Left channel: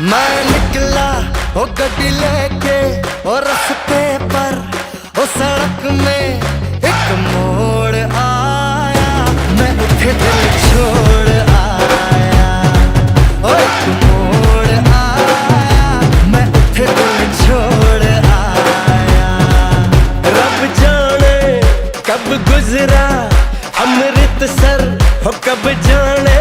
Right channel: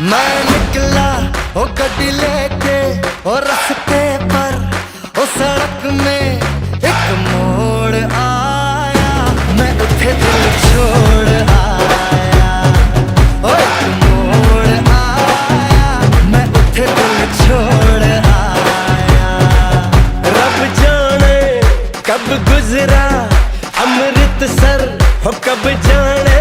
मैं निकला ओ गड्डी लेके ओ रास्ते पर ओ सड़क में एक मोड़ आया, मैं उठे दिल छोड़ आया। ओ एक मोड़ आया, मैं उठे दिल छोड़ आया। रब जाने कब गुजरा अमृतसर हो, कब जाने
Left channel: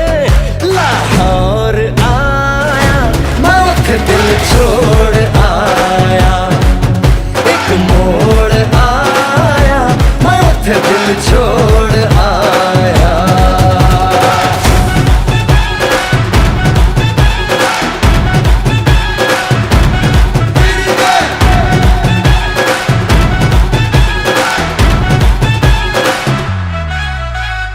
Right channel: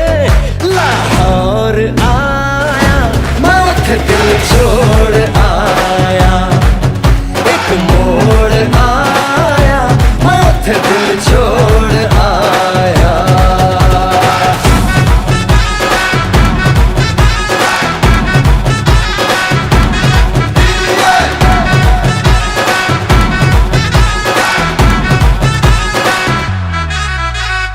लाहौर आया, मैं उठे दिल छोड़ आया। एक मोड़ आया, मैं उठे दिल छोड़ आया।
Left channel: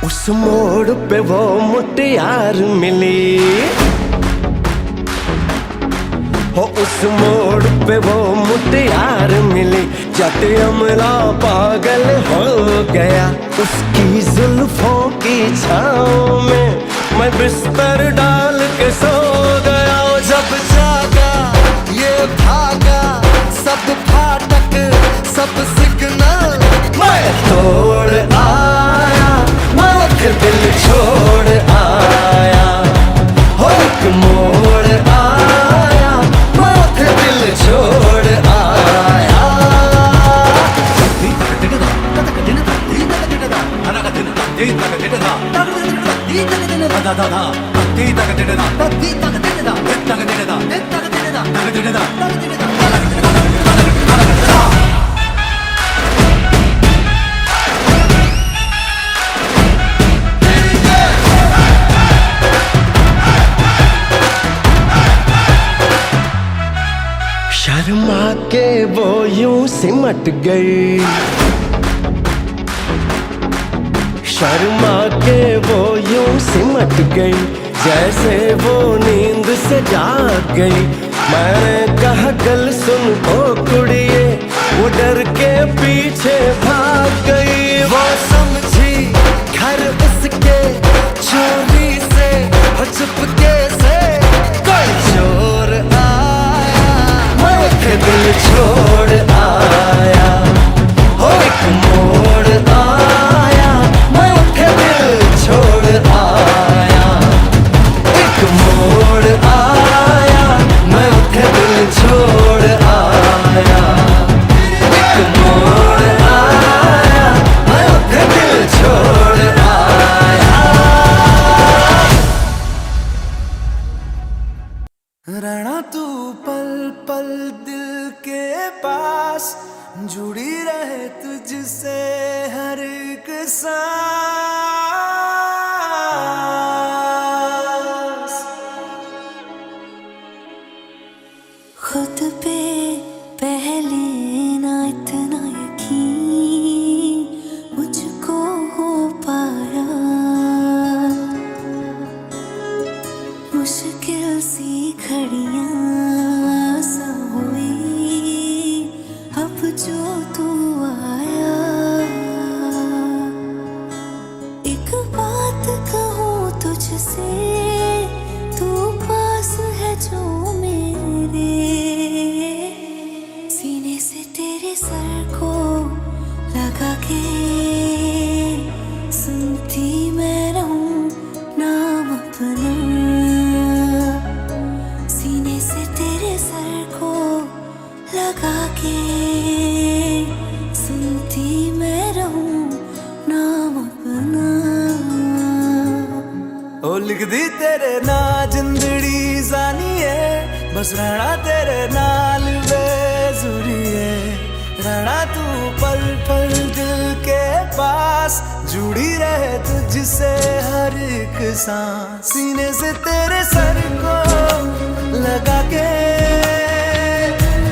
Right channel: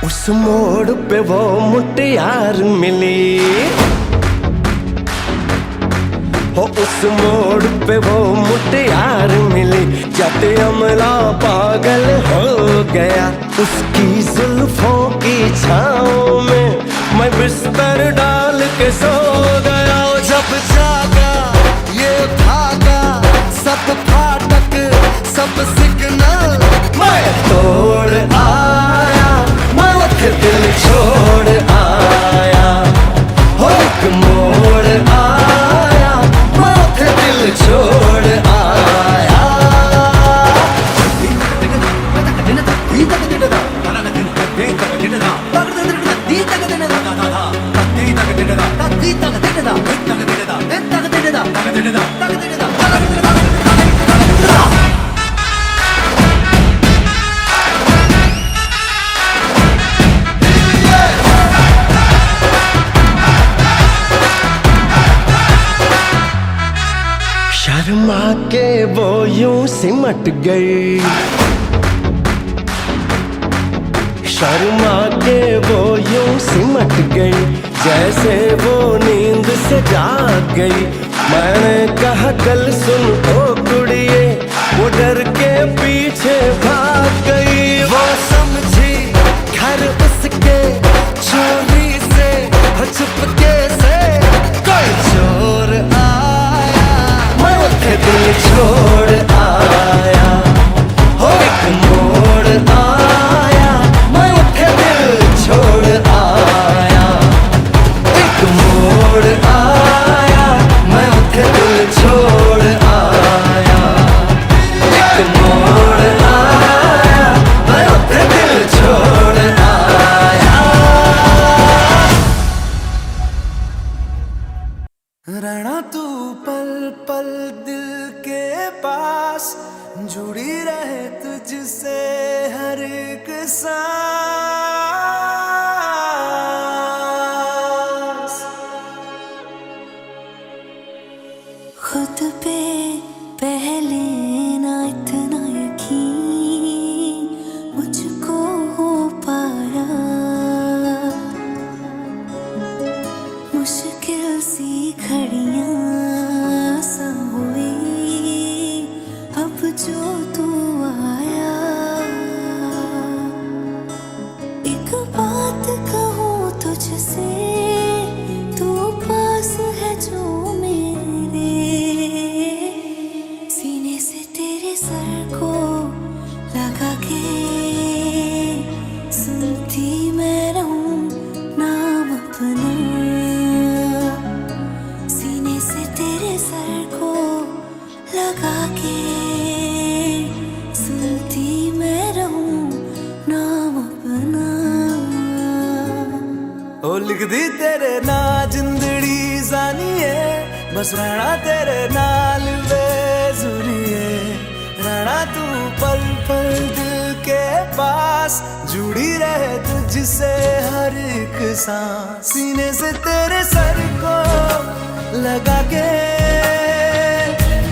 उस मोड़ पे वो मुटियार मिली हो, उस मोड़ पे वो मुटियार मिली। जट अमला पागल हो गया, उसकी जुल्फों की छाँव में मैं बिस्तर डाल के सो गया। जब जागा ये भागा, सब फाटक सब सिग्नल मैं तोड़ आया, मैं उठे दिल छोड़ आया। हो एक मोड़ आया, मैं उठे दिल छोड़ आया। शर्मा के वो यूं सिमट गई, शर्मा के वो यूं सिमट गई, जैसे वो नींद से जाग गई। मैंने कहा गल सुन ओ कुड़िए, वो डर के पीछे भाग गई। वो समझी घर उसके चोरी से हो, चुपके से कोई चोर आया, मैं उठे दिल छोड़ आया। हो एक मोड़ आया, मैं उठे दिल छोड़ आया। एक मोड़ आया, मैं उठे दिल छोड़ आया। एक मोड़ आया, मैं उठे दिल छोड़ आया। रहना तू पल पल दिल के पास, जुड़ी रहे तुझसे हर एक सांस। खुद पे पहले ना इतना यकीन मुझको हो पाया, मुश्किल सी घड़ियां सा हुई अब जो तू आया। एक बात कहूँ तुझसे, तू पास है जो मेरे, सीने से तेरे सर को लगा के सुनती मैं रहूं नाम अपना। सीने से तेरे सर को लगा के सुनती मैं रहूं नाम अपना। ओ लिख दी तेरे ना जिंदड़ी जानी है, बस रहना तेरे नाल बेजुरी है। रहना तू पल पल दिल के पास, जुड़ी रहे तुझसे हर एक सांस। सीने से तेरे सर को लगा के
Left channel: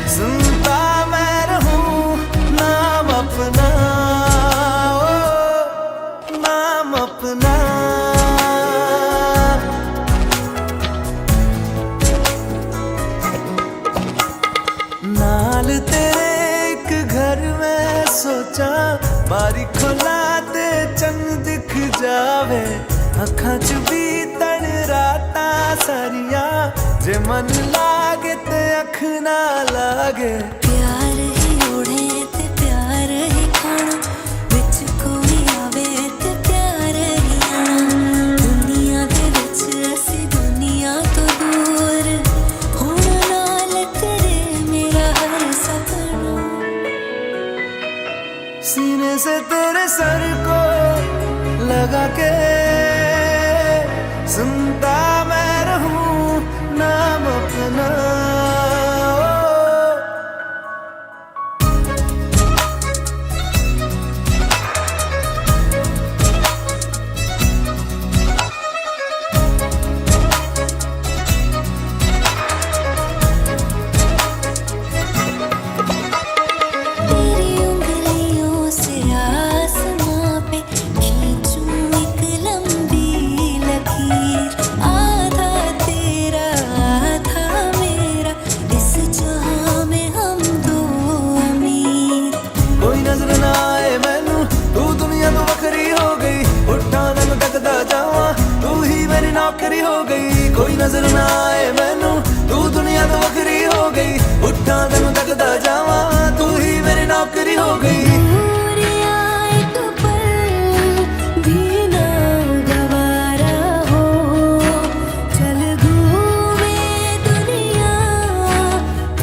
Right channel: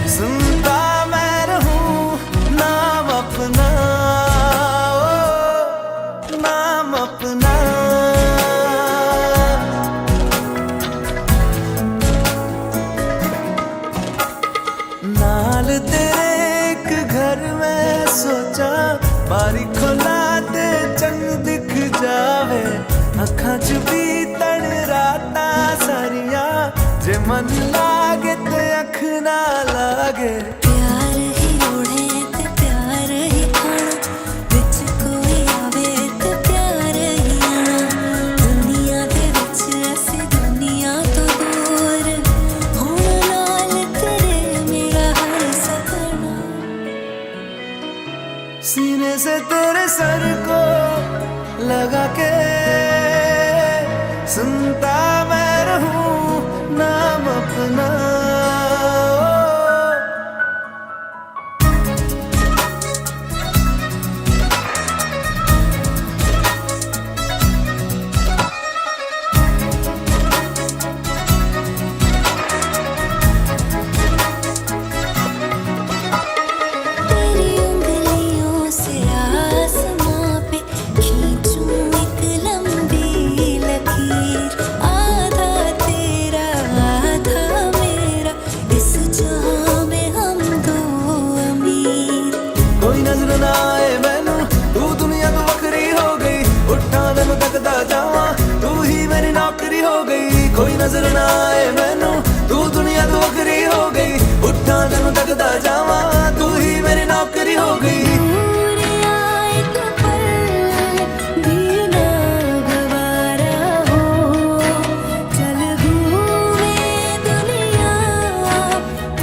सुनता मैं रहूं नाम अपना, ओ नाम अपना। नाल तेरे एक घर में सोचा, बारी खोला ते चंद दिख जावे। अखां च भी तड़ रातां सारिया जे मन लागे ते अख ना लागे प्यार ही ओढ़े ते प्यार ही खाना विच कोई आवे ते प्यार ही आना दुनिया दे विच ऐसी दुनिया तो दूर होना नाल तेरे मेरा हर सपना सीने से तेरे सर को लगा के सुनता मैं रहूं नाम अपना तेरी उंगलियों से आसमां पे खींचूं एक लंबी लकीर आधा तेरा आधा मेरा इस जहां में हम दो अमीर कोई नजर ना आए मैनू तू दुनिया तो वखरी हो गई उठा तेनू तकदा जावां तू ही मेरी नौकरी हो गई कोई नजर ना आए मैनू तू दुनिया तो वखरी हो गई उठा तेनू तकदा जावां तू ही मेरी नौकरी हो गई दूरियां एक पल भी ना गवारा हो चल घूमे दुनिया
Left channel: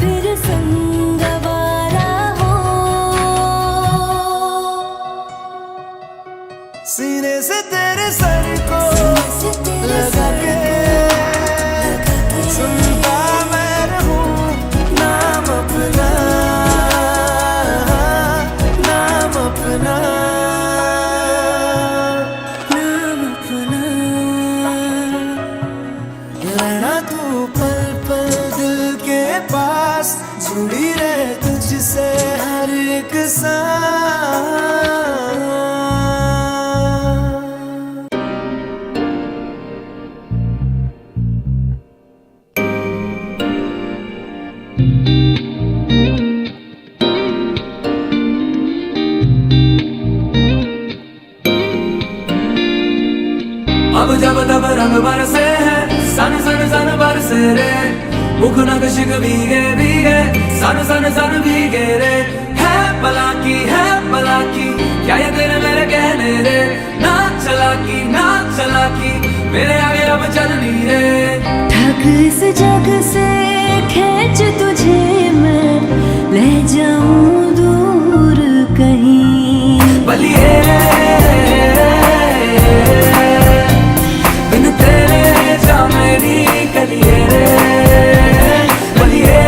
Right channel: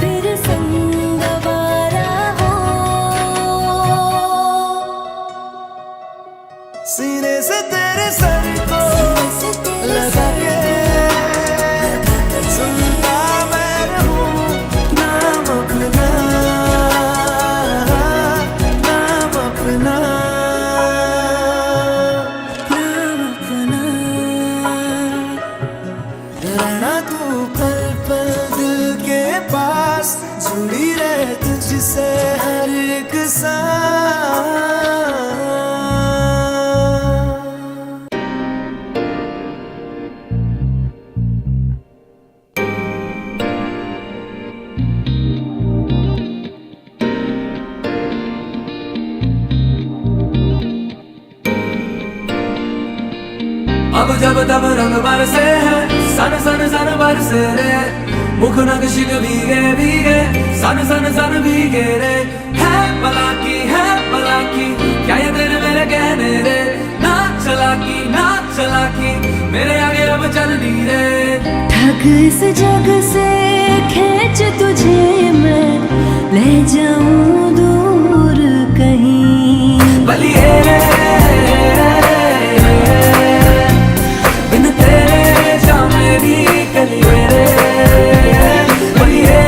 फिर संगवारा हो सीने से तेरे सर को से तेरे लगा सर के लगा के सुनता मैं रहूं नाम अपना नाम अपना नाम अपना रहना तू पल पल दिल के पास जुड़ी रहे तुझसे हर एक सांस अब जब तब रंग बरसे हैं सन सन सन बरसे रे मुख नक्शिक भीगे भीगे सन सन सन भीगे रे है पलाकी क्या ये तेरे मेरे कहने रे ना चलाकी मेरे आगे अब चलनी रे ठग इस जग से खींच तुझे मैं ले जाऊं दूर कहीं बलिए बिन तेरे जा मेरी कलिए रे बलिए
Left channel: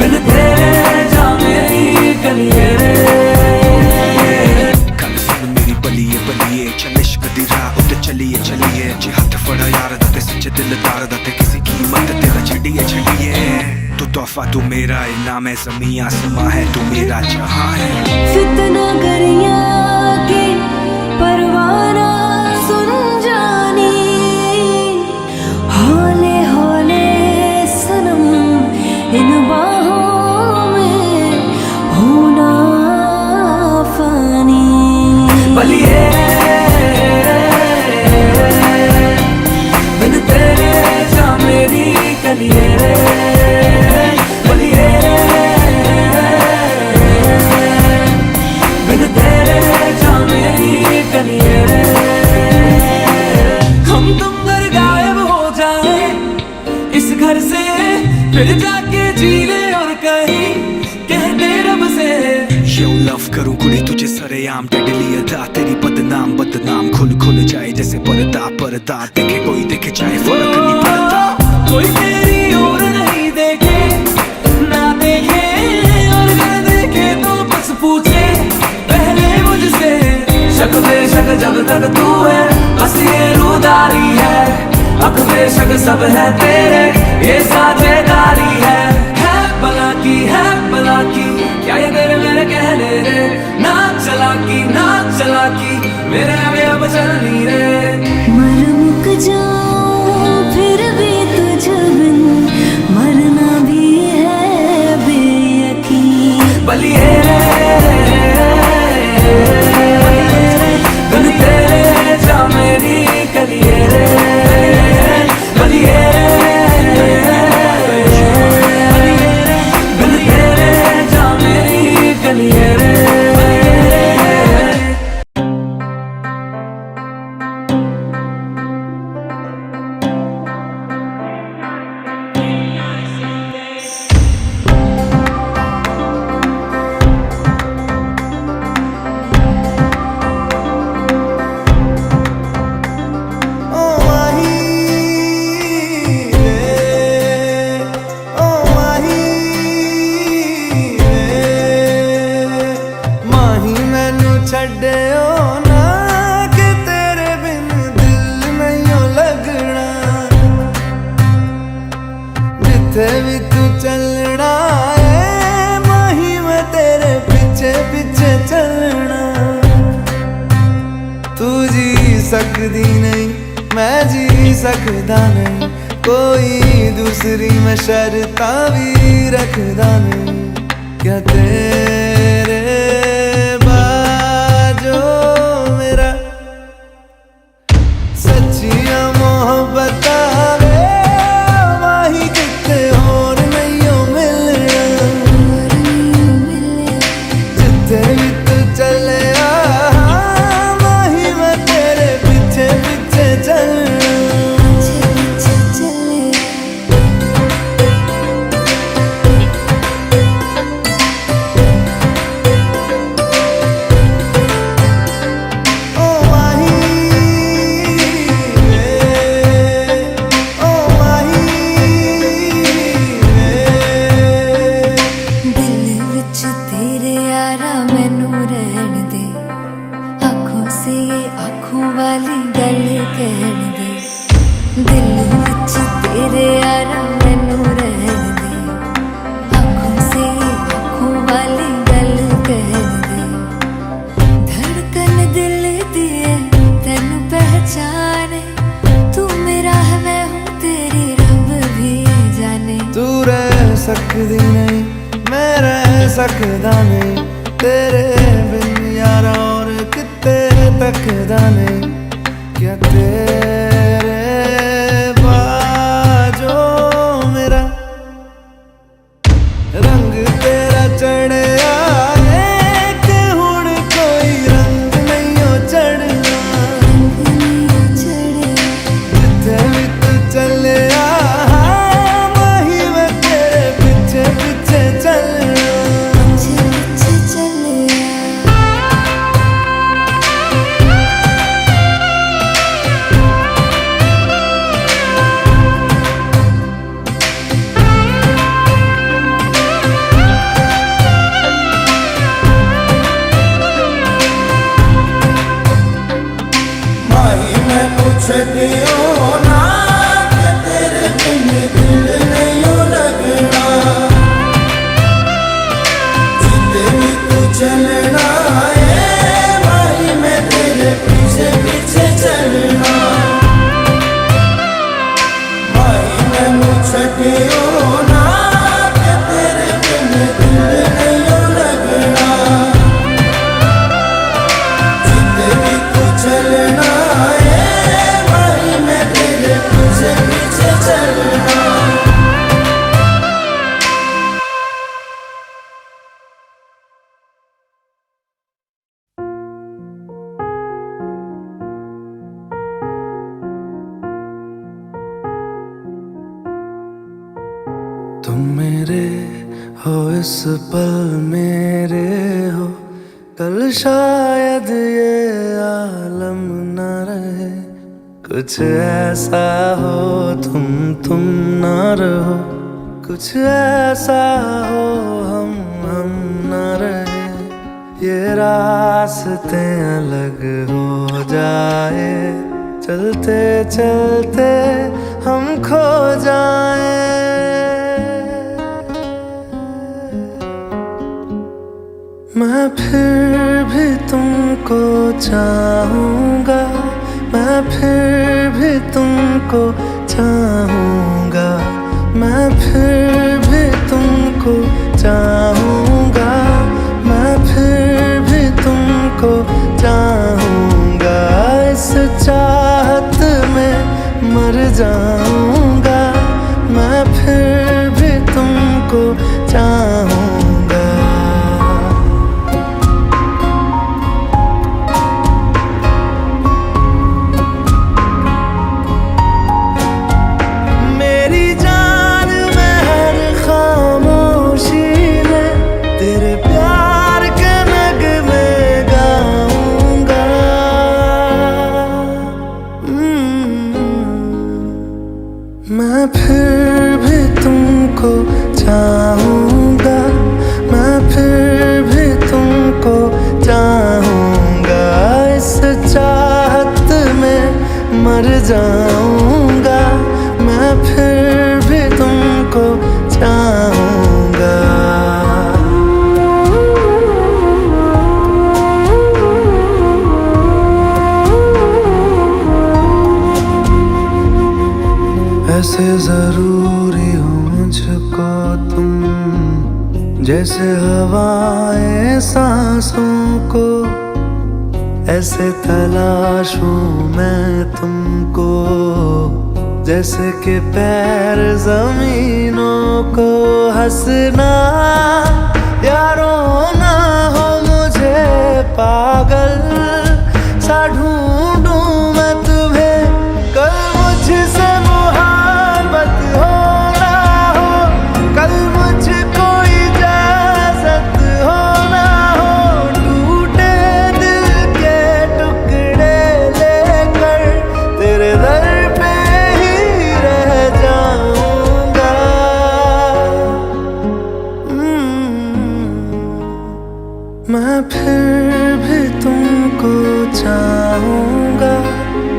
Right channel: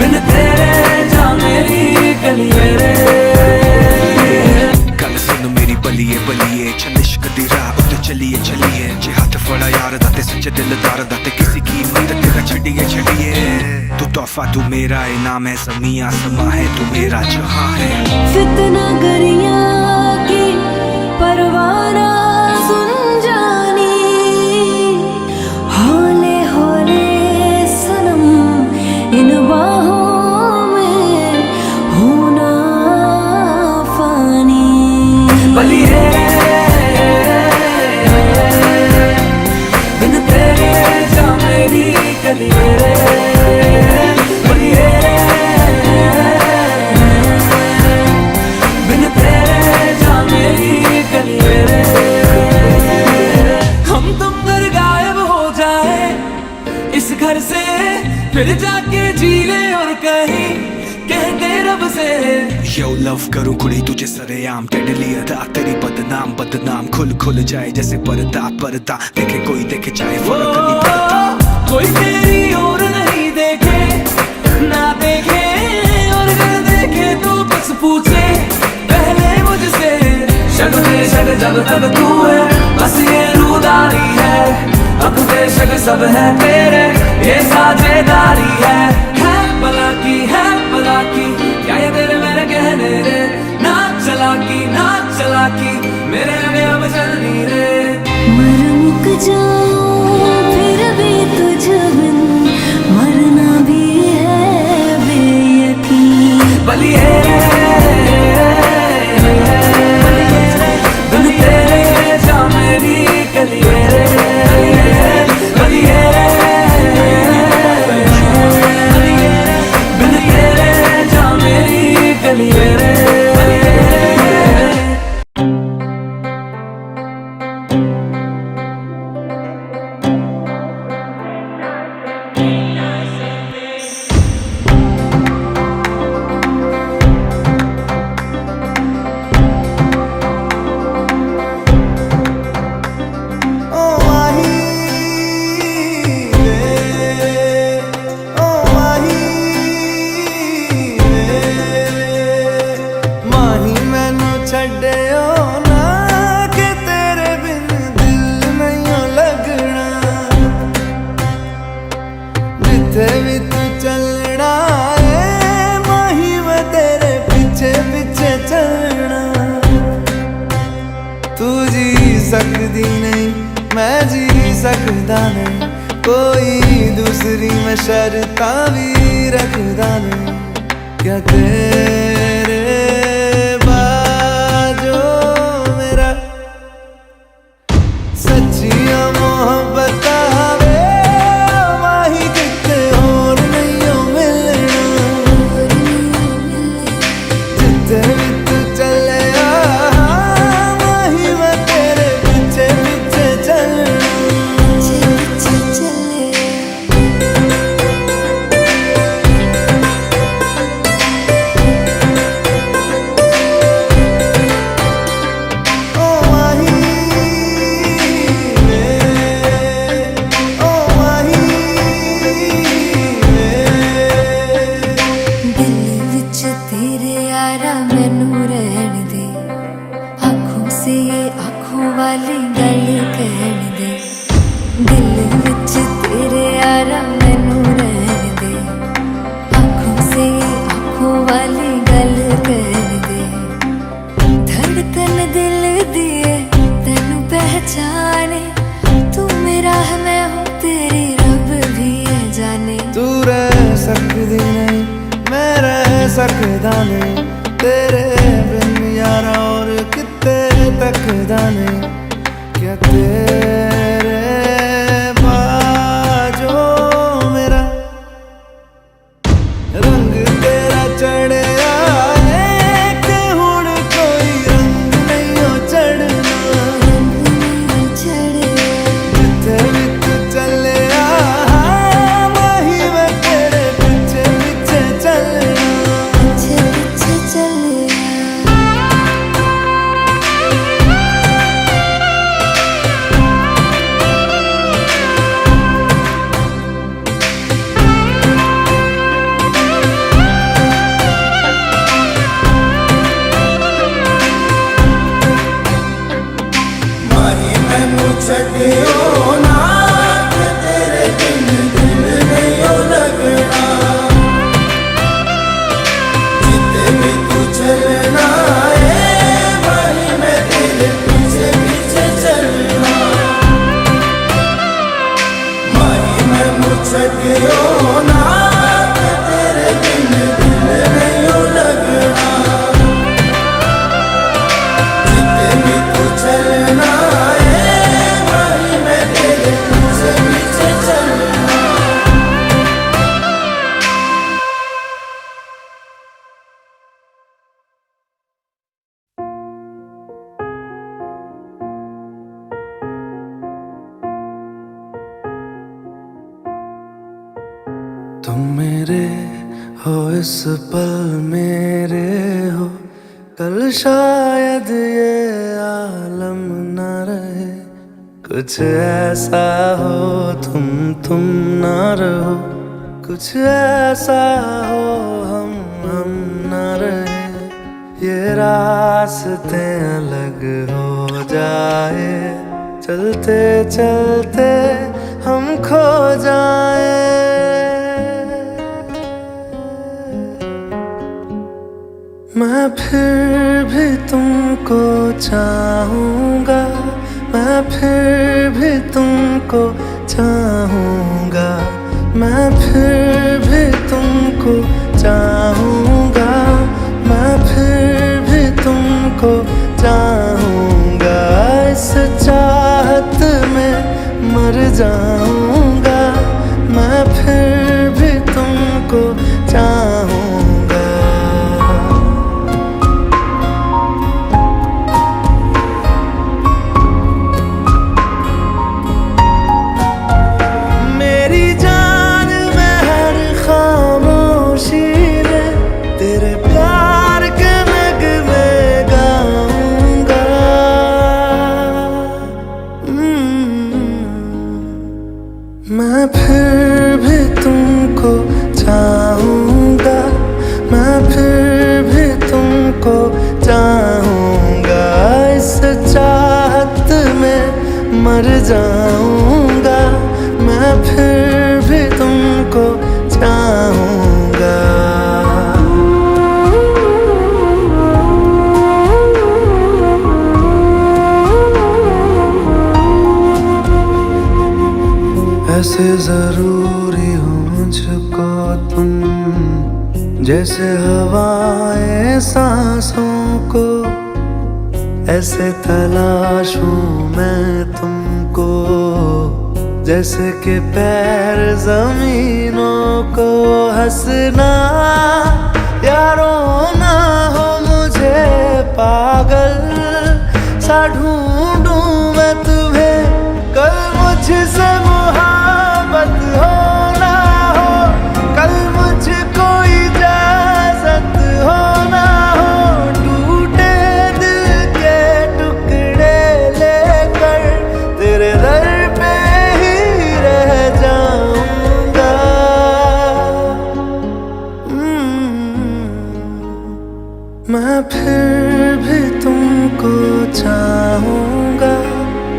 बिन तेरे जा मेरी कलिए रे गल सुन मेरी बलिए बलिए चल इश्क दी राह उत्ते चलिए चलिए जे हाथ फड़ा यार दा ते सच्चे दिलदार दा ते किसी कीमत तेरा छड़िए तू तोहफा तू मेरा इनाम है ज़मीं आसमां है तू मेरा जहां है फितना गरिया की परवाना सुन जानी हौले हौले सनम इन बाहों में होना फानी बलिए बिन तेरे जा मेरी कलिए रे बलिए बिन तेरे जा मेरी कलिए रे हम तुम घर गायब हो जाए इस घर से फिर जाके जी ले और कहीं कह दे रब से यो लव करूं कुड़ी तुझे सरेआम टेडली अदा तेरी बदनाम खुल जाए जैसे पर्दा देखे कोई देखे चाहे फर्क नहीं पड़ता कोई तेरी और नहीं देखे ना देखे और अगर देखे तो बस पूछे पहले मुझसे शक बेशक जब तक तू है बस ये रूदारी है हक बेशक सब है तेरे ये साझेदारी है भला की क्या ये तेरे मेरे कहने रे ना चलाकी मेरे आगे अब चलनी रे मर मुक जाऊं फिर भी तुझ बिन मरना भी है बेयकीन बलिए बिन तेरे जा मेरी कलिए रे चलना है माही, मैं तेरे पीछे पीछे चलना। तू जी सकदी नहीं मैं जी सकदा नहीं, कोई दूसरी मैं शर्तां भी रखदा नहीं। क्या तेरे बाजो मेरा सच्चियां मोहब्बत वे माही, किते और नहीं हो मिलना। जिथे भी तू चले माही, मैं तेरे पीछे पीछे चलना। तू रह सकदी नहीं मैं रह सकदा नहीं, तेरे बिन यारा और किते तकदा नहीं। क्या तेरे बाजो मेरा रंग तेरा चढ़े आए कि हुण कोई रंग नहीं हो चढ़ना। जिथे भी तू चले तुम मेरे हो इस पल मेरे हो, कल शायद ये आलम न रहे। कुछ ऐसा हो तुम न रहो, कुछ ऐसा हो हम न रहे। ये रास्ते अलग हो जाए, चलते चलते हम खो जाए। मैं फिर भी तुमको चाहूँगा, मैं फिर भी तुमको चाहूँगा, मैं फिर भी तुमको चाहूँगा, मैं फिर भी तुमको चाहूँगा। इस चाहत में मर जाऊँगा, मैं फिर भी तुमको चाहूँगा। मैं फिर भी तुमको चाहूँगा, मैं फिर भी तुमको चाहूँगा। इस चाहत में मर जाऊँगा, मैं फिर भी तुमको चाहूंगा। ऐसे जरूरी हो मुझको तुम, जैसे हवाएं सांसों को, ऐसे तलाशूं मैं तुमको, जैसे कि पैर जमीनों को। हंसना या रोना हो मुझे पागल सा ढूंढूं मैं तुम्हें, कल मुझसे मोहब्बत हो ना हो, कल मुझको इजाजत हो ना हो, टूटे दिल के टुकड़े लेकर तेरे दर पे ही रह जाऊंगा। मैं फिर भी तुमको चाहूंगा,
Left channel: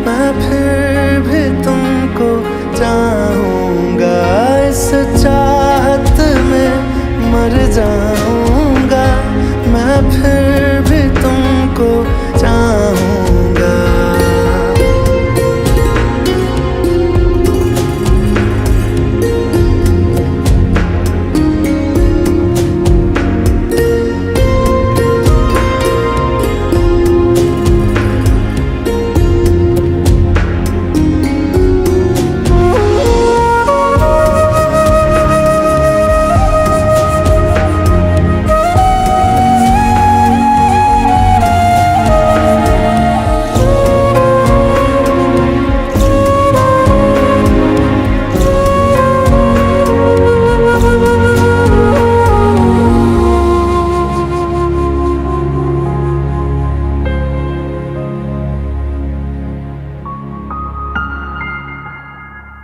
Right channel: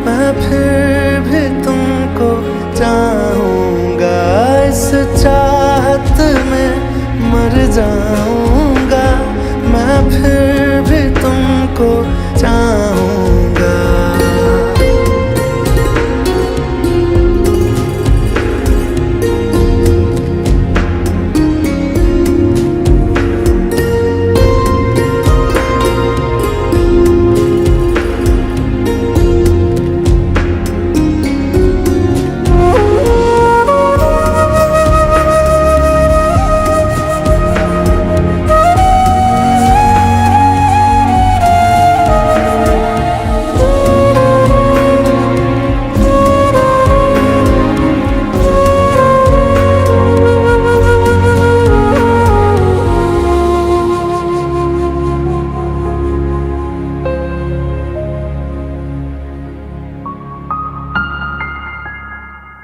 मैं फिर भी तुमको चाहूंगा। इस चाहत में मर जाऊंगा, मैं फिर भी तुमको चाहूंगा।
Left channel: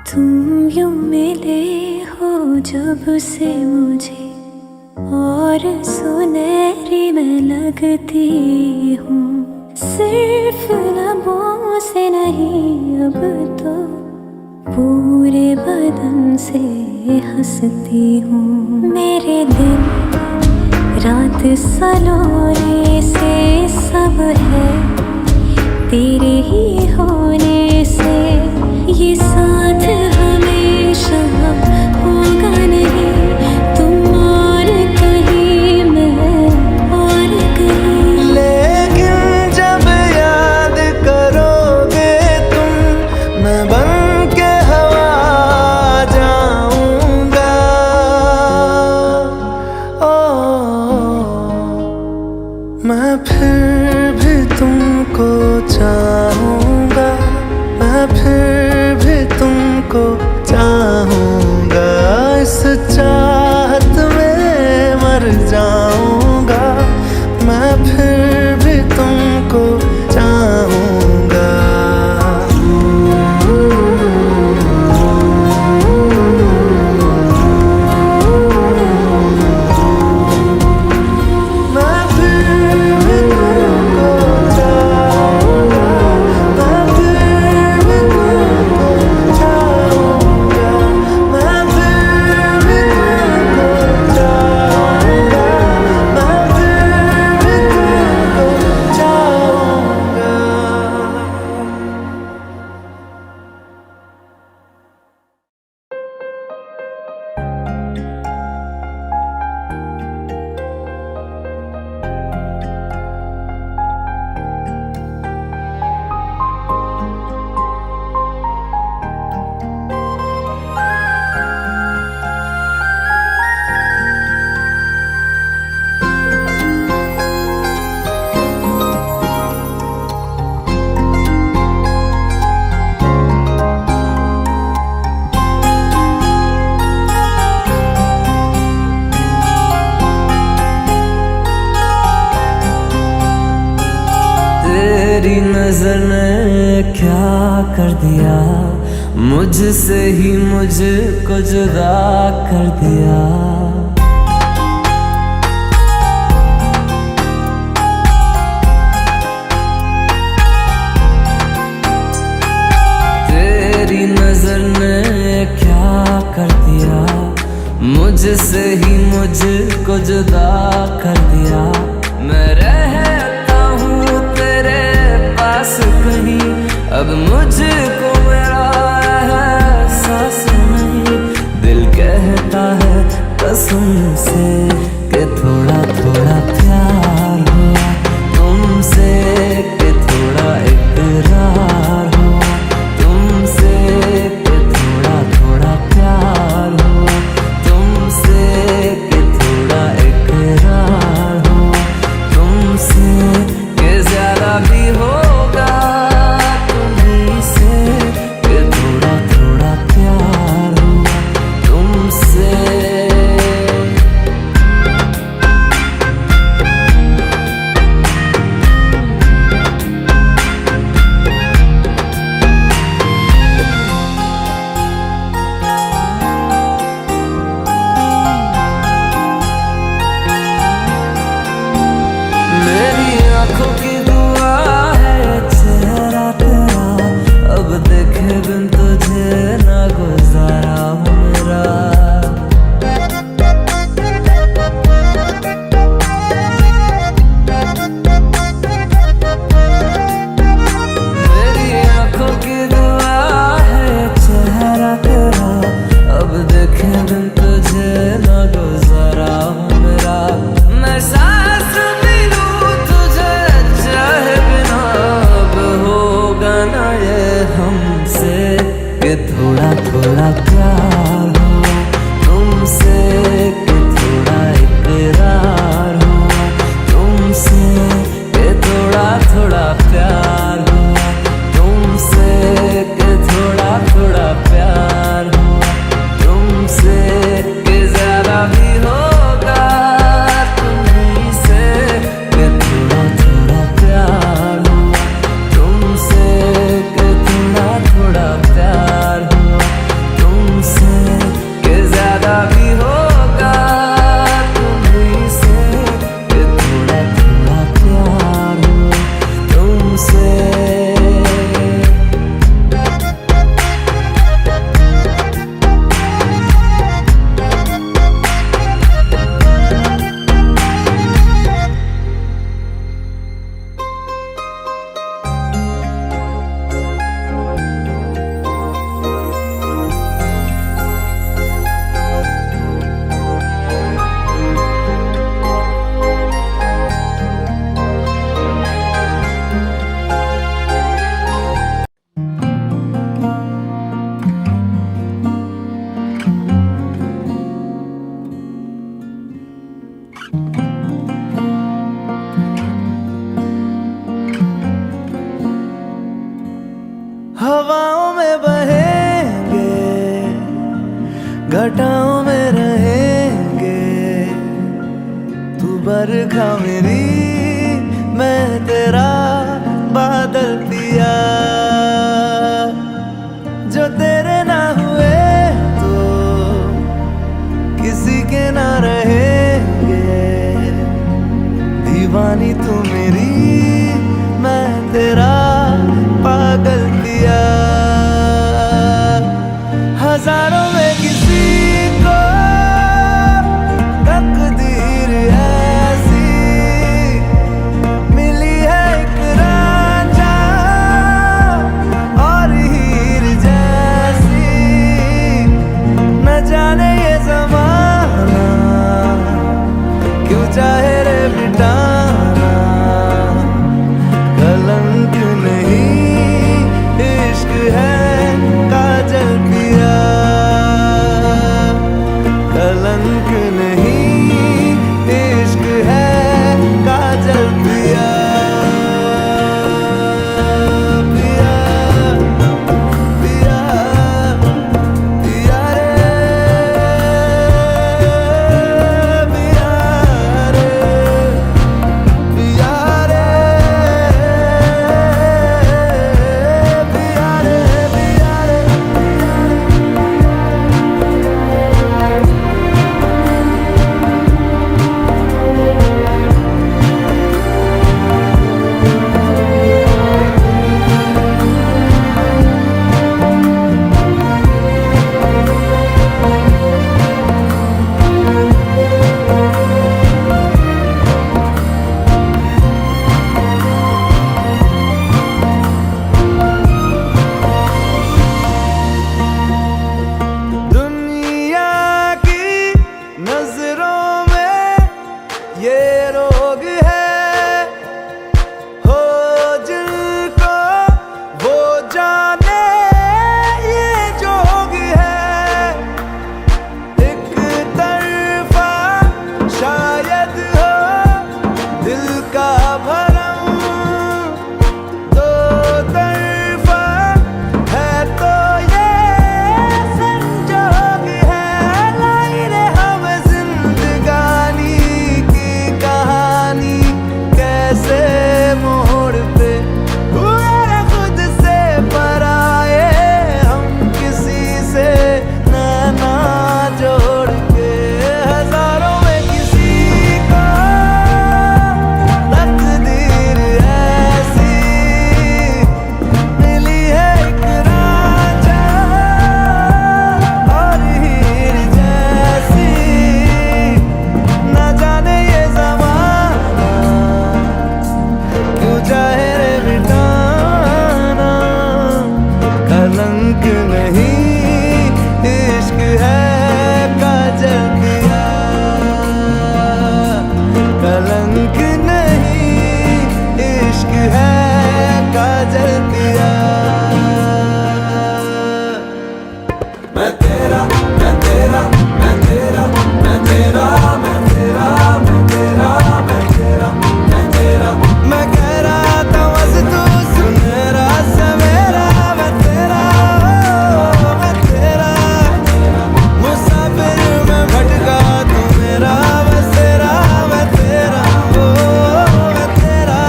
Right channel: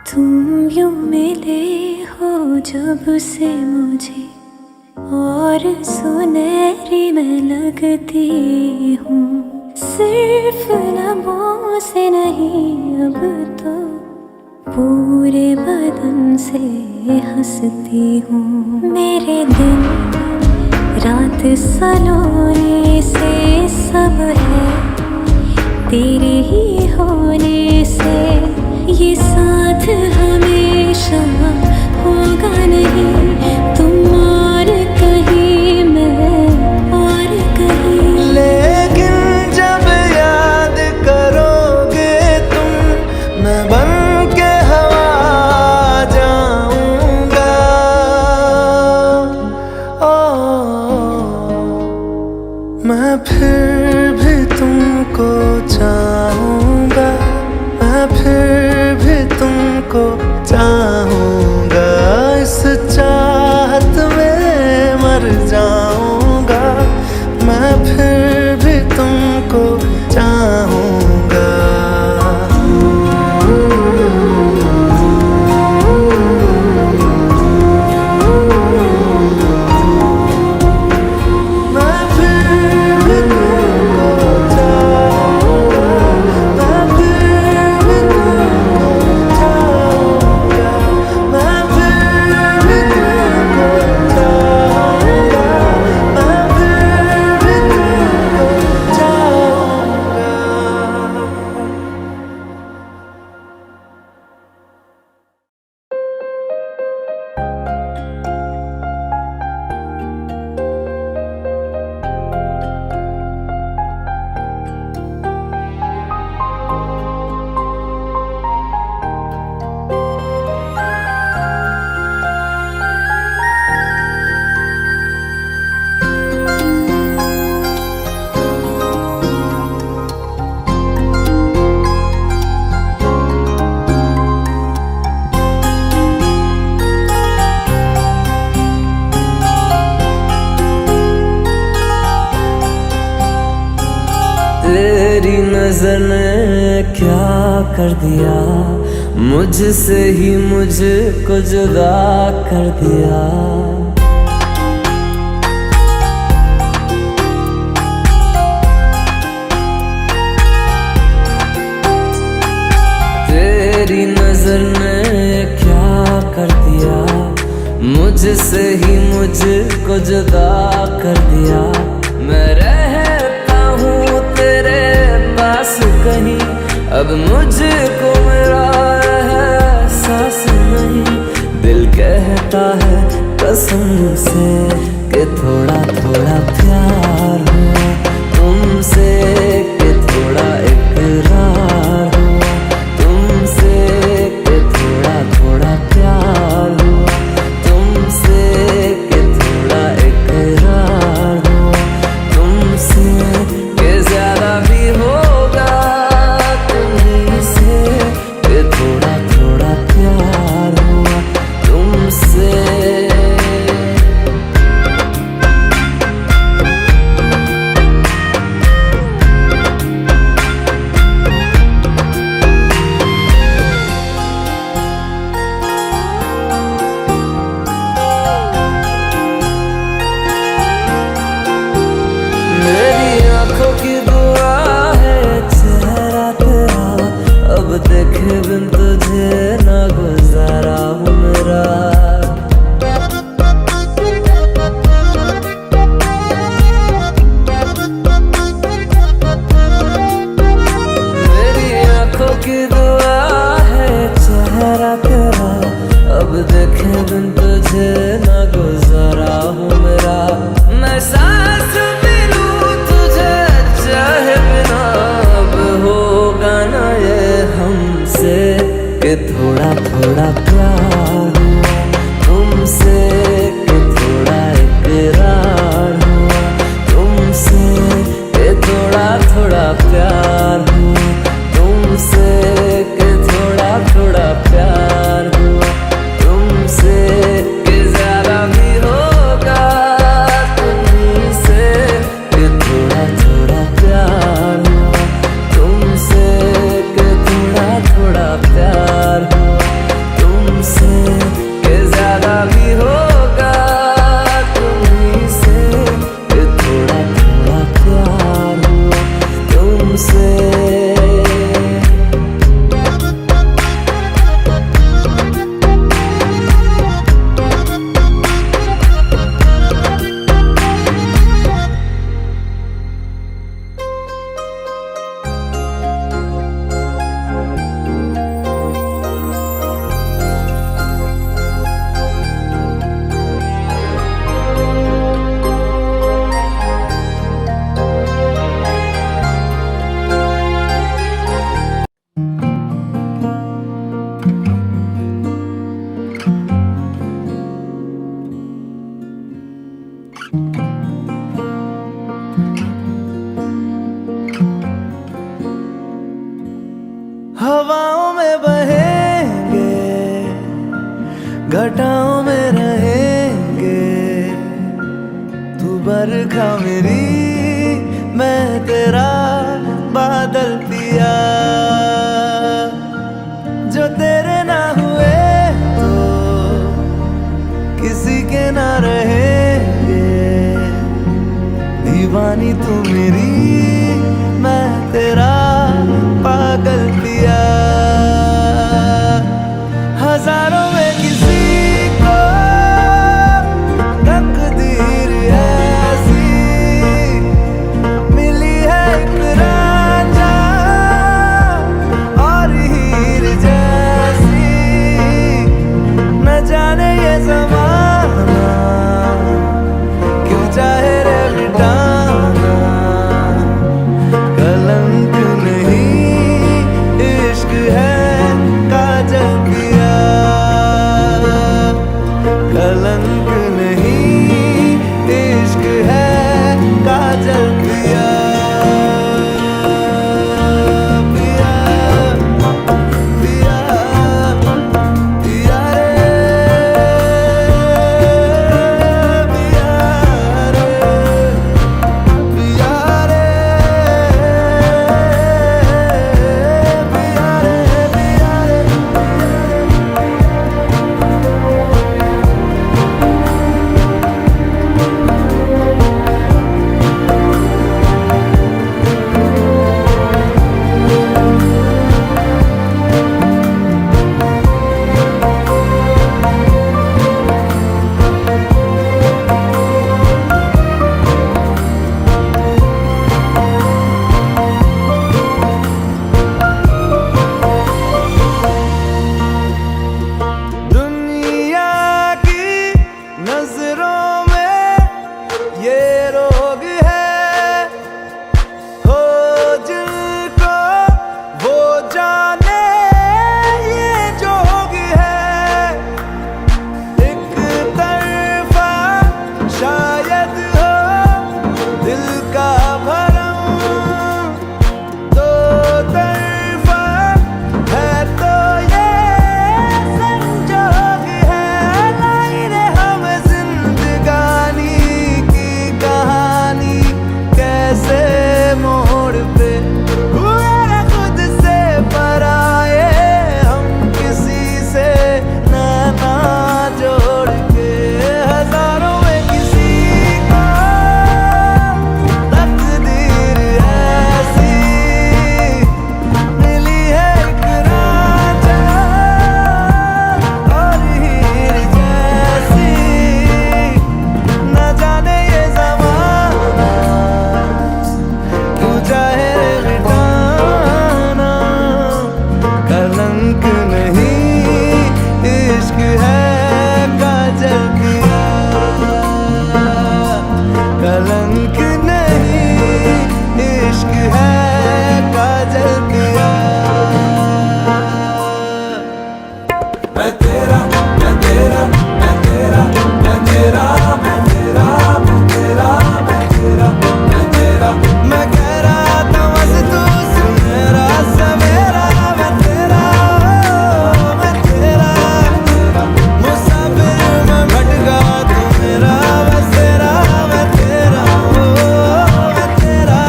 तुम यूं मिले हो जब से मुझे, और सुनहरी मैं लगती हूँ। सिर्फ लबों से नहीं अब तो पूरे बदन से हंसती हूँ। मेरे दिन रात सलोने से सब है तेरे ही होने से, ये साथ हमेशा होगा नहीं, तुम और कहीं मैं और कहीं। लेकिन जब याद करोगे तुम, मैं बन के हवा जाऊंगा। मैं फिर भी तुमको चाहूंगा, मैं फिर भी तुमको चाहूंगा। इस चाहत में मर जाऊंगा, मैं फिर भी तुमको चाहूंगा। तेरी नजर ने क्या कर दिया, मुझसे ही मुझको जुदा कर दिया। तेरी नजर ने क्या कर दिया, मुझसे ही मुझको जुदा कर दिया। मैं रहता हूँ तेरे पास कहीं, अब मुझको मेरा एहसास नहीं। दिल कहता है कसम से कि थोड़ा थोड़ा प्यार हुआ तुमसे, कि थोड़ा इकरार हुआ तुमसे, कि थोड़ा थोड़ा प्यार हुआ तुमसे, कि थोड़ा इकरार हुआ तुमसे, कि ज्यादा भी होगा तुम्ही से, कि थोड़ा थोड़ा प्यार हुआ तुमसे। मेरी आंखों की दुआ है चेहरा तेरा, अब देखे बिन तुझे ना गुजारा हूँ मेरा। मेरी आंखों की दुआ है चेहरा तेरा, अब देखे बिन तुझे ना गुजारा हूँ मेरा। मैं सांस भी लूं तुझे चाहे बिना, अब होगा ना ये हमसे, कि थोड़ा थोड़ा प्यार हुआ तुमसे, कि थोड़ा इकरार हुआ तुमसे, कि थोड़ा थोड़ा प्यार हुआ तुमसे, कि थोड़ा थोड़ा प्यार हुआ तुमसे, कि ज्यादा भी होगा तुम्ही से, कि थोड़ा थोड़ा प्यार हुआ तुमसे, कि थोड़ा थोड़ा प्यार हुआ तुमसे, कि ज्यादा भी होगा तुम्ही से, कि थोड़ा थोड़ा प्यार हुआ तुमसे। हवाओं में बहेंगे, घटाओं में रहेंगे, तू बरखा मेरी, मैं तेरा बादल पिया। जो तेरे ना हुए तो किसी के ना रहेंगे, दीवानी तू मेरी, मैं तेरा पागल पिया। हजारों में किसी को तकदीर ऐसी मिली है, एक रांझा और हीर जैसी। न जाने ये ज़माना क्यों चाहे रे मिटाना, कलंक नहीं इश्क है काजल पिया, कलंक नहीं इश्क है काजल पिया। पिया पिया पिया रे, कलंक नहीं इश्क है काजल दिया, कलंक नहीं इश्क है काजल दिया। मैं तेरा मैं तेरा मैं तेरा मैं तेरा मैं तेरा मैं तेरा मैं तेरा मैं तेरा मैं कह रहा था बस तू सुन मेरा सवेरा, मैं तेरा मैं तेरा मुसाफिर मैं भटका तू मेरा बसेरा, मैं तेरा मैं तेरा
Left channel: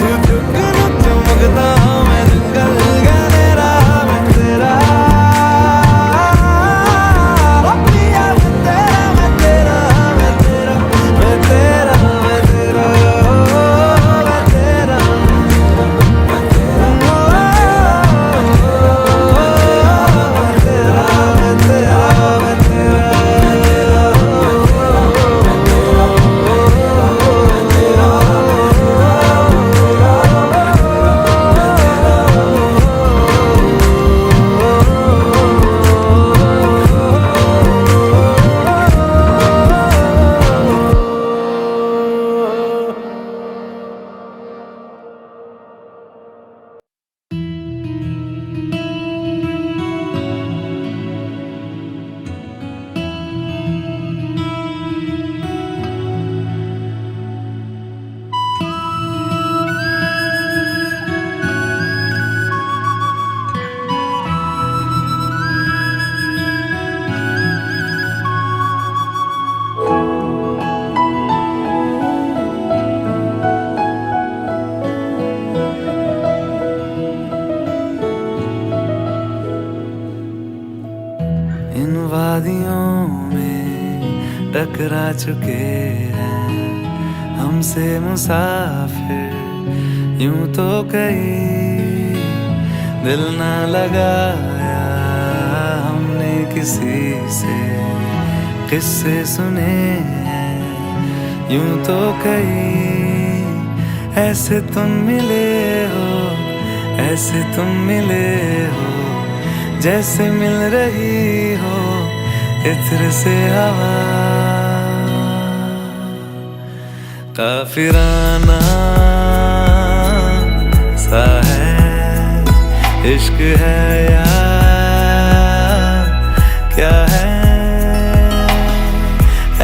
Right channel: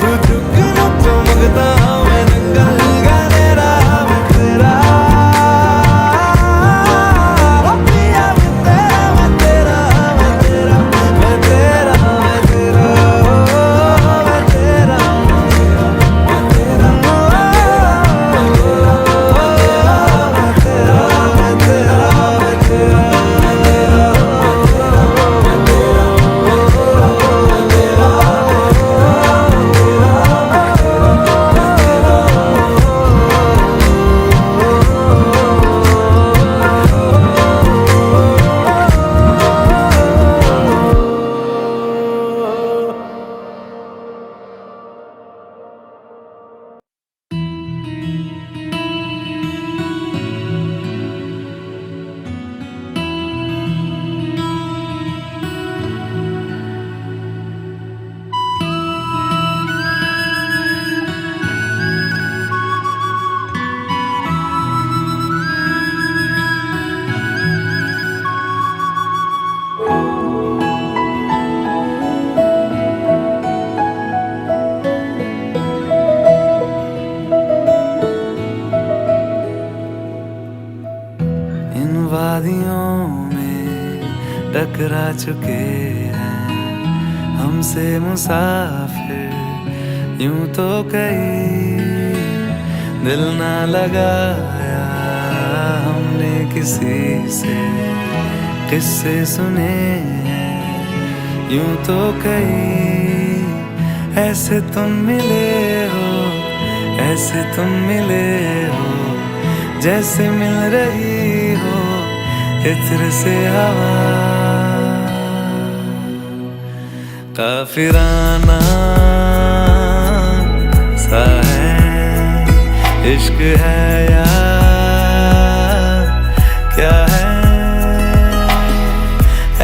तू जुगनू चमकता मैं जंगल गलेरा, मैं तेरा पिया मैं तेरा मैं तेरा मैं तेरा मैं तेरा मैं तेरा मैं तेरा इन वादियों में टकरा चुके हैं हमसे मुसाफिर, यूं तो कहीं दिल ना लगाया हमने किसी से, किस्से सुने हैं यूं तो कहीं। ऐसे तुम मिले हो, ऐसे तुम मिले हो, जैसे मिल रही हो इत्र से हवा। काफिराना सा है इश्क है या क्या है,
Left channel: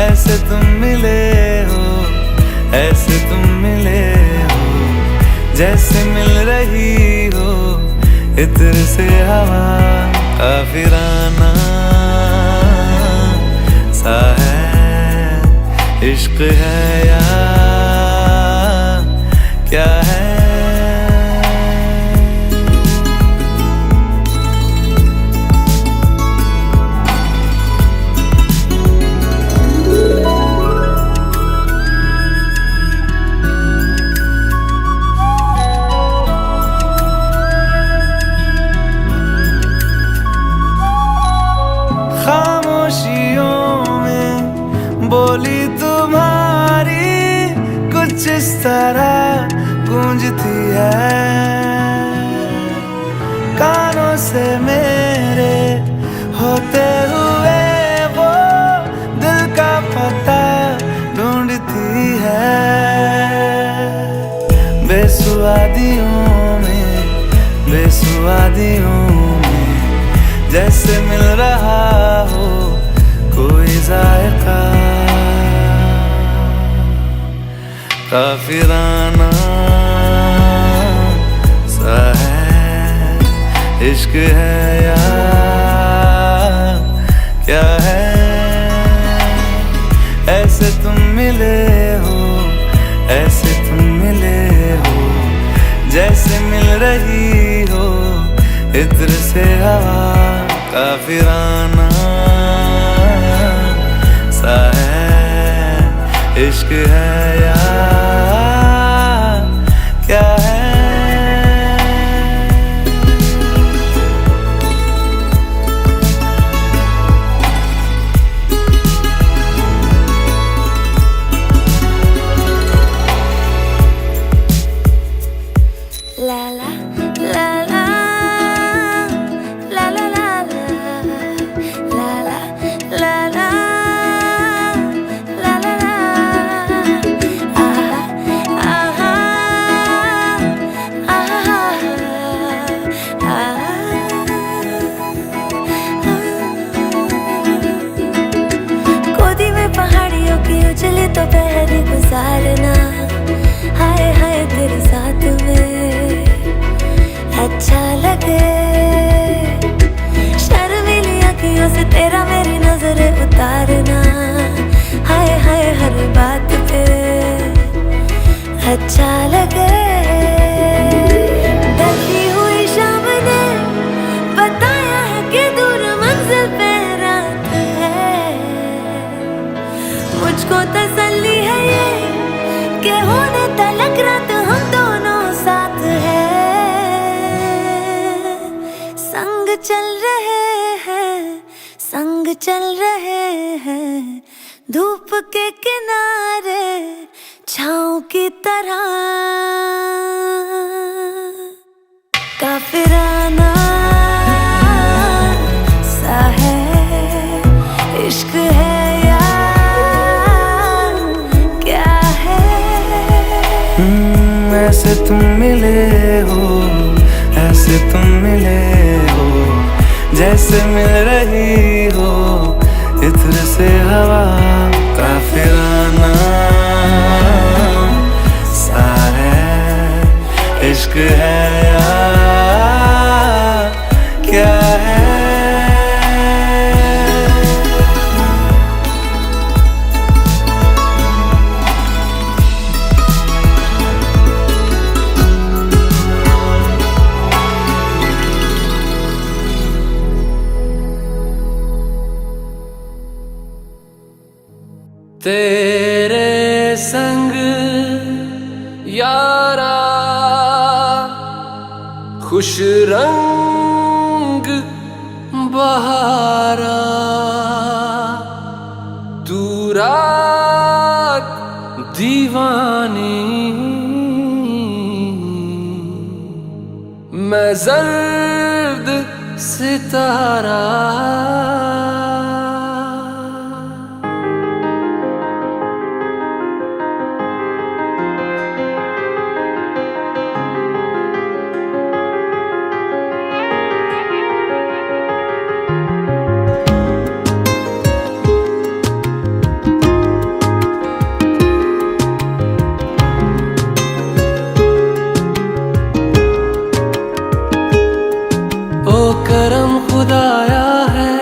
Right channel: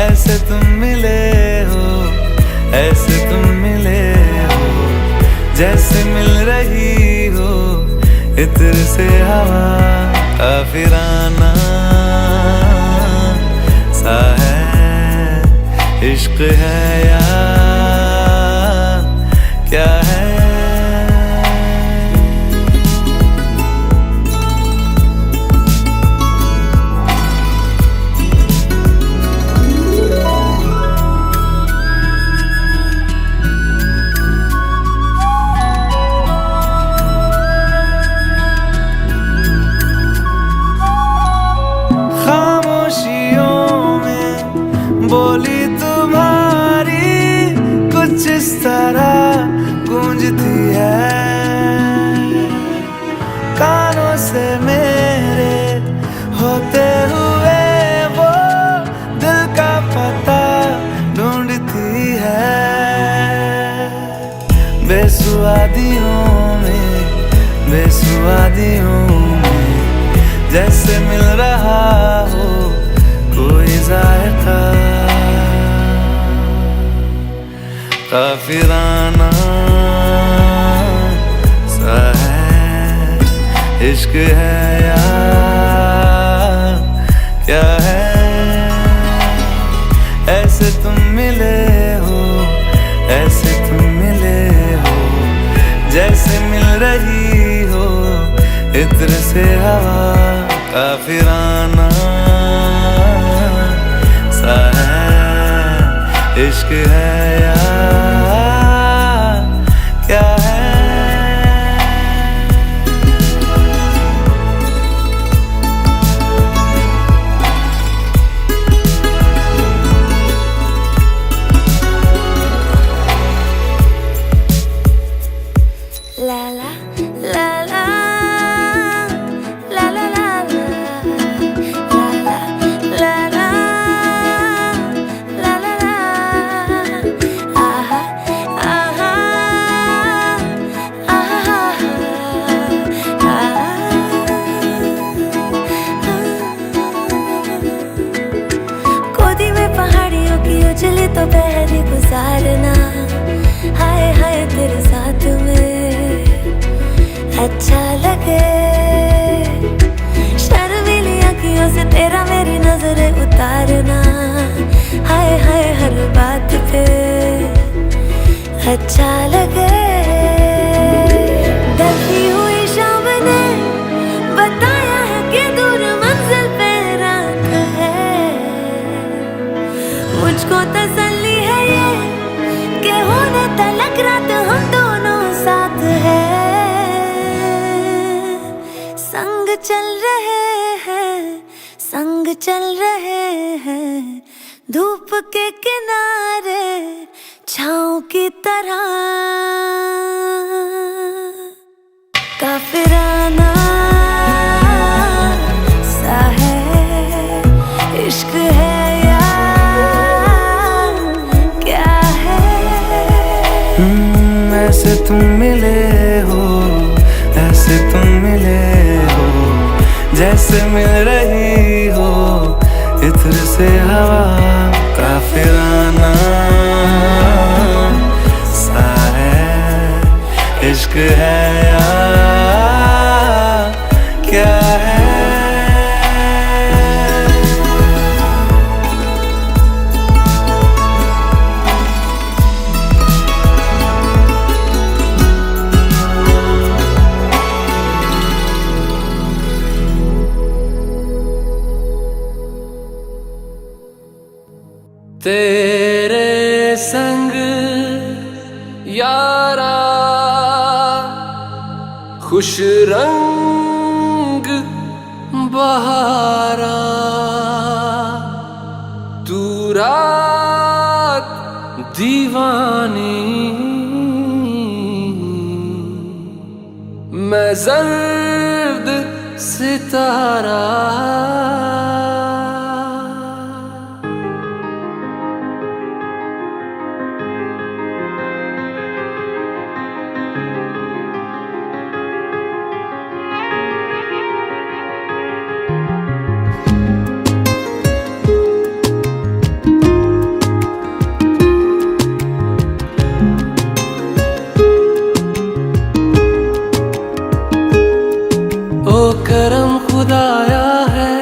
ऐसे तुम मिले हो, ऐसे तुम मिले हो, जैसे मिल रही हो इत्र से हवा। काफिराना सा है इश्क है या क्या है। बोली तुम्हारी कुछ इस तरह गूंजती है, कानों से मेरे होते हुए वो दिल का पता ढूंढती है। बेसुआदियों में, बेसुआदियों में जैसे मिल रहा हो कोई जायका। काफिराना सा है इश्क है या क्या है, ऐसे तुम मिले हो, ऐसे तुम मिले हो, जैसे मिल रही हो इत्र से हवा। काफिराना सा है इश्क है या क्या है। La la la la उजली तो पहरी गुजारना, हाय हाय तेरे साथ में अच्छा लगे। शर्मीली आँखियों से तेरा मेरी नजरें उतारना, हाय हाय हर बात पे अच्छा लगे। ढलती हुई शाम ने बताया है कि दूर मंजिल पे रात है। मुझको तसल्ली है ये कि होने तलक रात हम दोनों साथ है। संग चल रहे हैं, संग चल रहे हैं, धूप के किनारे छाँव की तरह। काफिराना सा है इश्क है या क्या है। ऐसे तुम मिले हो, ऐसे तुम मिले हो, जैसे मिल रही हो इत्र से हवा। काफिराना सा है इश्क है या क्या है। तेरे संग यारा खुश रंग बहारा, तू रात दीवानी मैं जर्द सितारा। ओ करम खुदाया है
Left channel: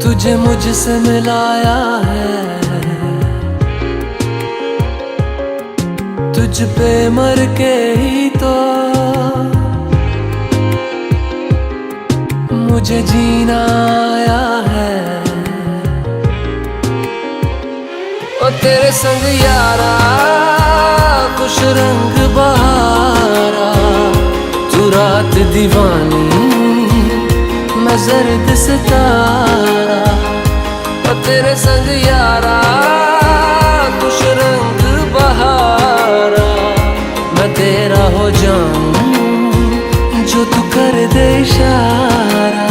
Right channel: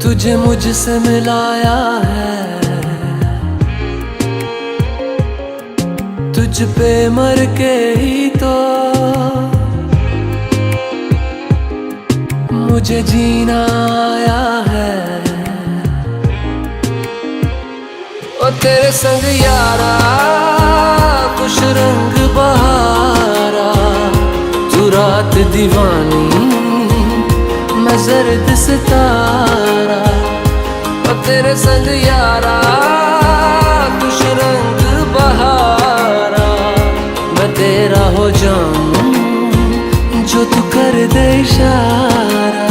तुझे मुझसे मिलाया है। तुझ पे मर के ही तो मुझे जीना आया है। ओ तेरे संग यारा खुश रंग बहारा, तू रात दीवानी मैं जर्द सितारा। ओ तेरे संग यारा खुश रंग बहारा, मैं तेरा हो जाऊं जो तू कर दे इशारा।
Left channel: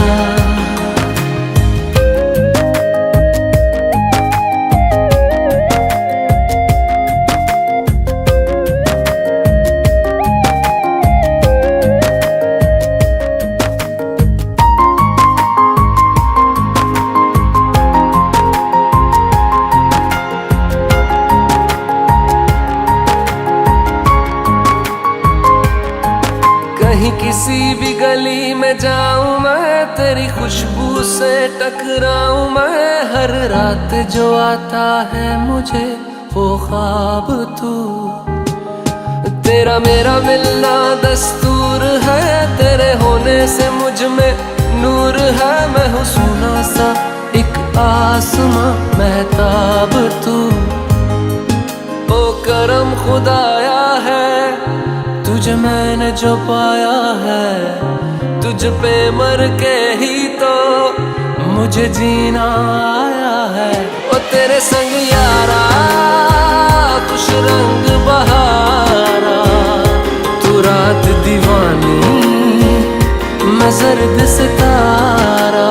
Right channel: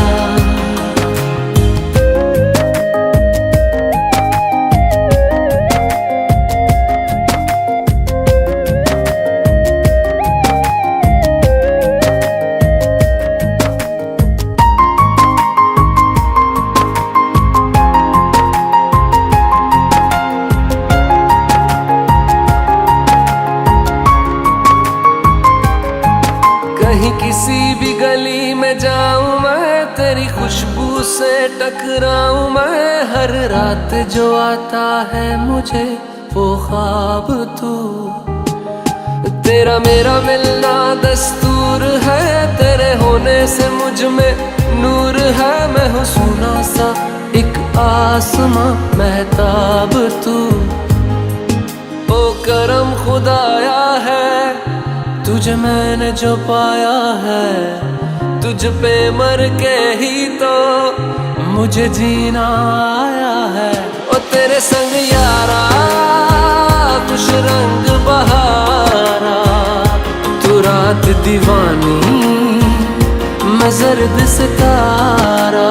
कहीं किसी भी गली में जाऊं मैं, तेरी खुशबू से टकराऊं मैं। हर रात जो आता है मुझे वो ख्वाब तू, तेरा मेरा मिलना दस्तूर है। तेरे होने से मुझ में नूर है, मैं हूँ सोना सा एक आसमां महताब तू। ओ करम खुदाया है तुझे मैंने जो पाया है, तुझ पे मर के ही तो मुझे जीना आया है। ओ तेरे संग यारा खुश रंग बहारा, तू रात दीवानी मैं जर्द सितारा।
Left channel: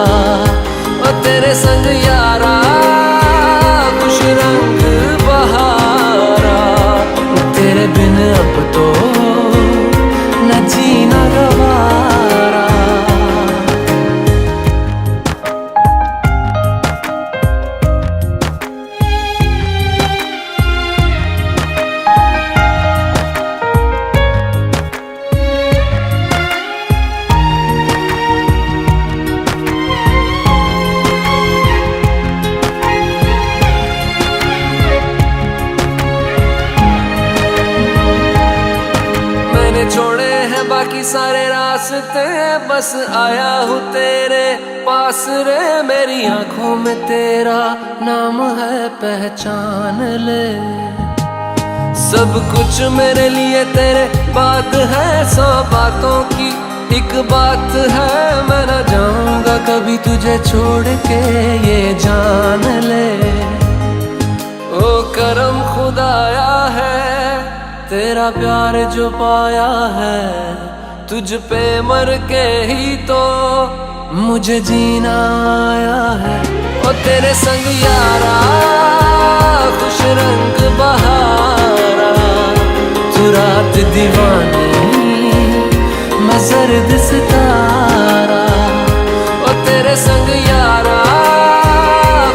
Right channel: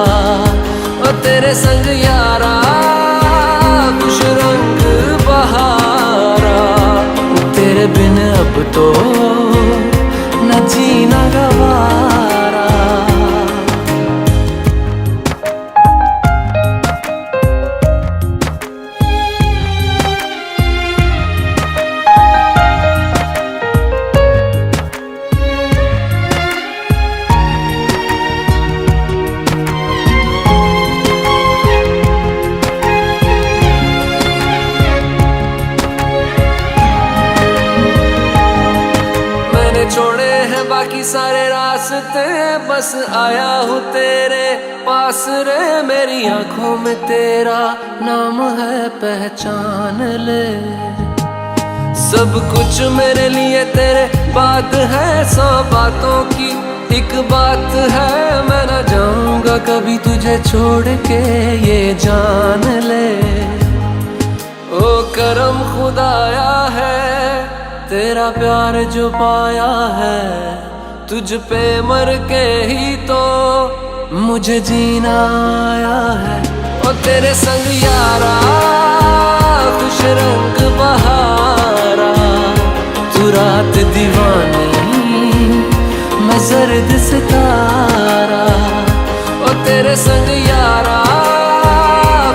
ओ तेरे संग यारा खुश रंग बहारा, तेरे बिन अब तो न जीना गवारा। हैं बाकी सारे रास्ते, बस आया हूँ तेरे पास रे। मेरी आंखों में तेरा नाम है, पहचान ले। सब कुछ मेरे लिए तेरे बात है, 100 बातों की एक बात है। मैं ना जाऊंगा कभी तुझे छोड़ के, ये जान ले। ओ करम खुदाया है, तेरा प्यार जो पाया है। तुझ पे मर के ही तो मुझे जीना आया है। ओ तेरे संग यारा खुश रंग बहारा, तू रात दीवानी मैं जर्द सितारा। ओ तेरे संग यारा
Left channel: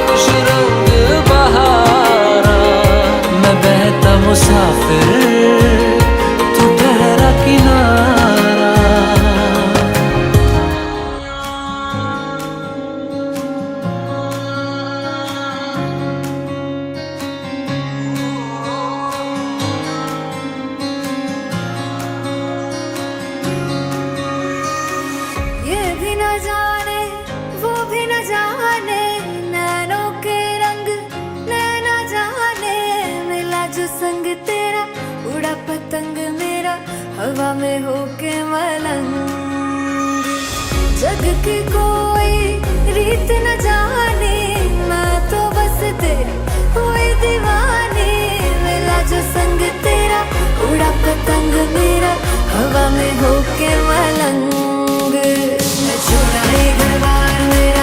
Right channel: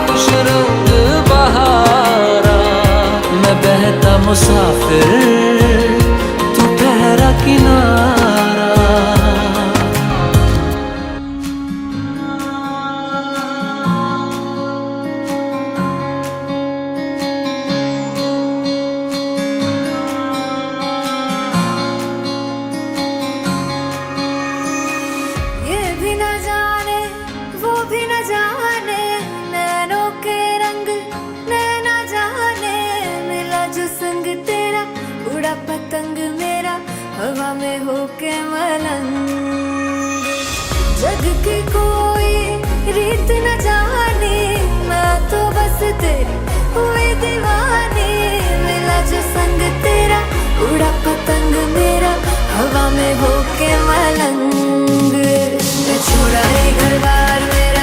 खुश रंग बहारा, मैं बहता मुसाफिर तू ठहरा किनारा। ये भी न जाने वो भी न जाने, नैनों के रंग नैना जाने। मिला जो संग तेरा उड़ा पतंग मेरा, हवा में होके मलंग। जग की कोई रीत न जाने, मैं तो बस तेरी हुई दीवानी। मिला जो संग तेरा उड़ा पतंग मेरा, हवा में होके मलंग। मैं छोड़ा ही घर बार मेरा,